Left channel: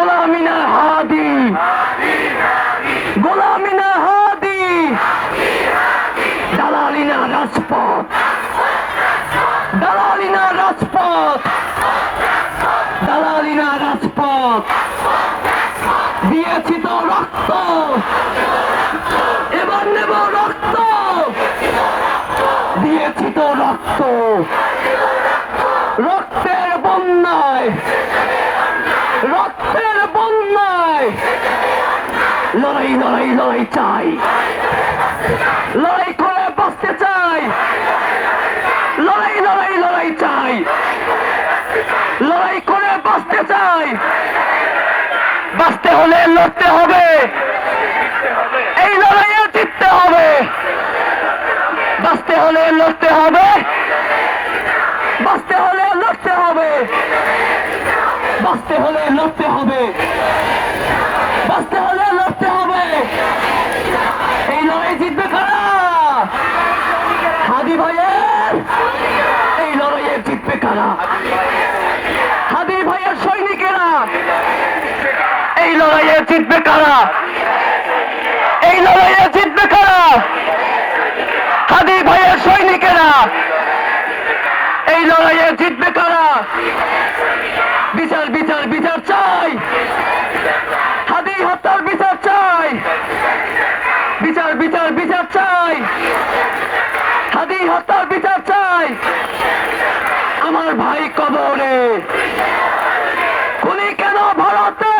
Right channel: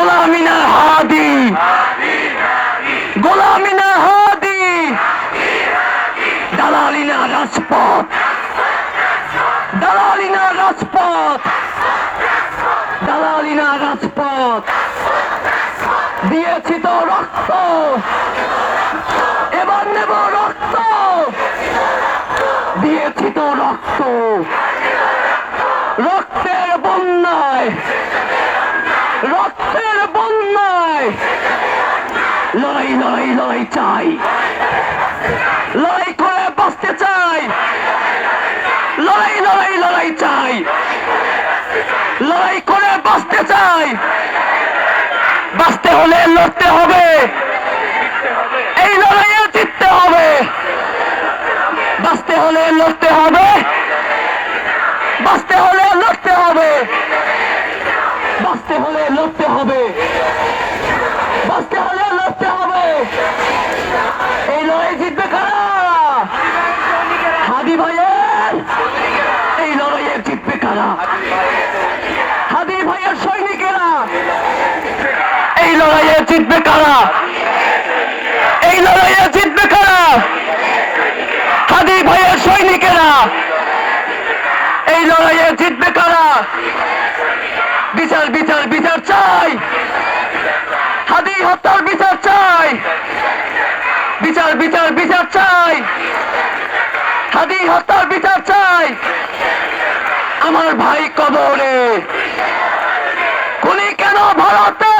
গোলামিনাল হাদি। গোলামিনাল হাদি। দালালিনা রাজপথ। দালালিনা রাজপথ। দালালিনা রাজপথ। দিয়েছি তো রক্ত। এবার নেব রক্ত। দিয়েছি তো রক্ত। রক্তের বন্যায় লড়াই লড়াই লড়াই চাই। লড়াই করে বাঁচতে চাই। লড়াই লড়াই লড়াই চাই। লড়াই করে বাঁচতে চাই। বাঁচতে হলে লড়তে হবে। এই লড়াইয়ে জিততে হবে। বাঁচতে হলে লড়তে হবে। বাঁচতে হলে লড়তে হবে। বাঁচতে হলে লড়তে হবে বাঁচতে হলে লড়তে হবে এই লড়াই জিতবে কারা ভাইয়ের, এই লড়াইয়ে জিতবে কারা? হাদি ভাইয়ের সৈনিকেরা, এই লড়াইয়ে জিতবে কারা? এই লড়াইয়ে জিতবে কারা? হাদি ভাইয়ের সৈনিকেরা, এই লড়াইয়ে জিতবে কারা? বিচার বিচার বিচার চাই। হাদি হত্যার বিচার চাই বিচার বিচার বিচার চাই হাদি হত্যার বিচার চাই। আমার ভাই কবরে। খুনি কেন ভারতে?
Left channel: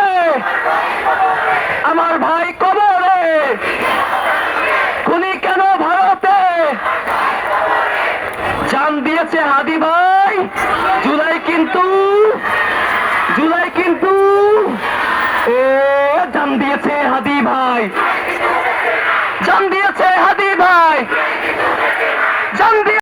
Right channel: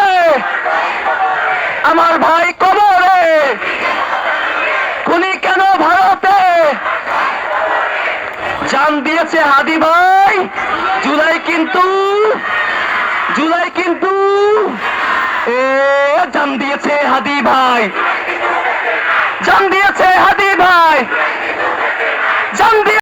আমার ভাই কবরে। খুনি কেন ভারতে? জান দিয়েছে হাদি ভাই। জুলাই কিন্তু জুলাই কিন্তু, এ, জান দিয়েছে হাদি ভাই। জান দিয়েছে হাদি